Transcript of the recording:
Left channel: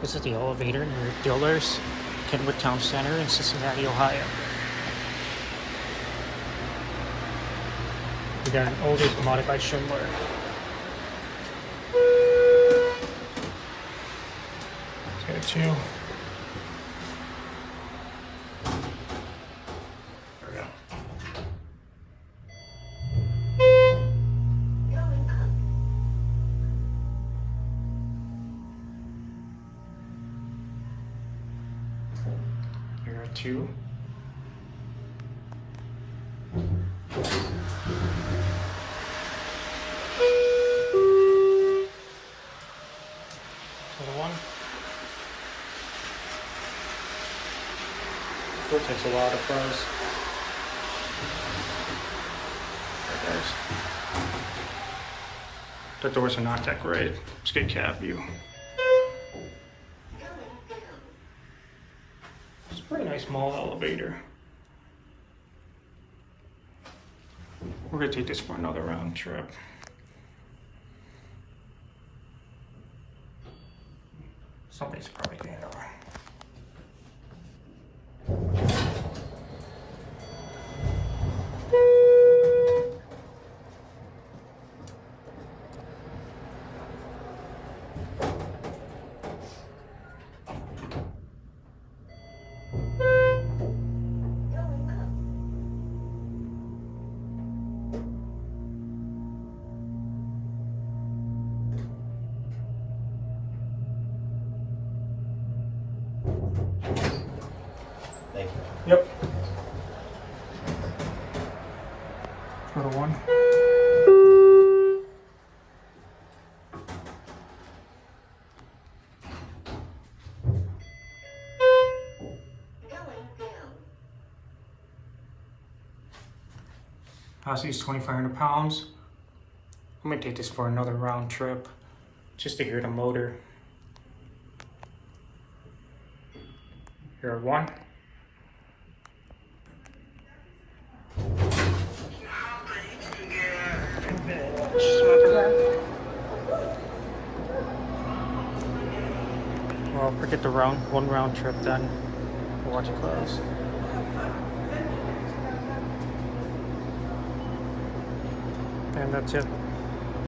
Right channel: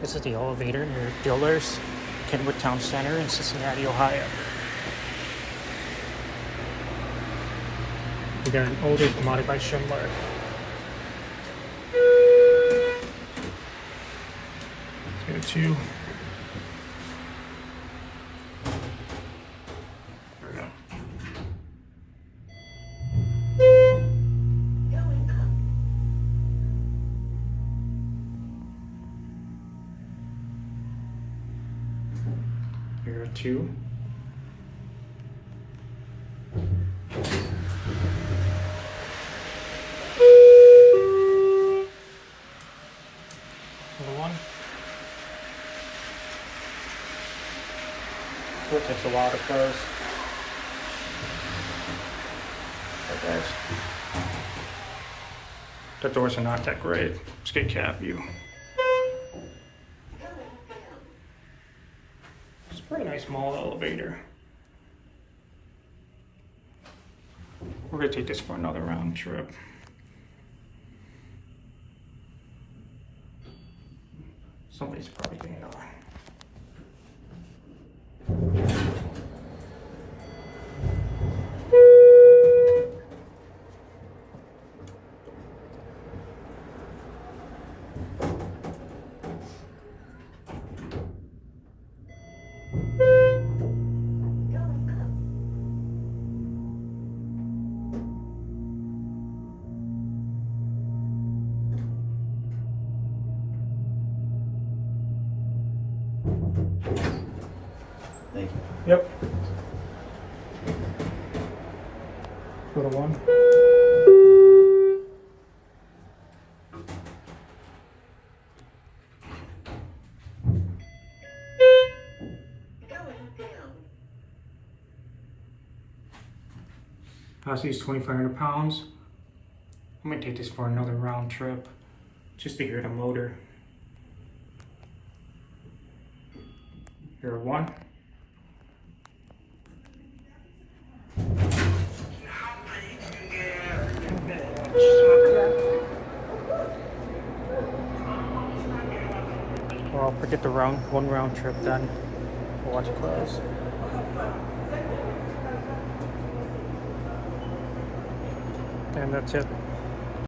This is the elevator near Dillard's, Kenwood Town Center in Cincinnati, Ohio. We got an Otis modded by Schindler. Got two. There we go. Here are two. Little one. Door takes a while to close. There it goes. The doors are not that great. Let's get cab view. It's a pretty nice small elevator. We're gonna take this for another round trip. Somebody's probably getting over. Thank you. Yep. Little one. Hossie's 2,500 pounds. I'm gonna take this for another round trip just to hear the motor. Here are one. Well, forget the one round trip done. We'll watch it close. And that's it.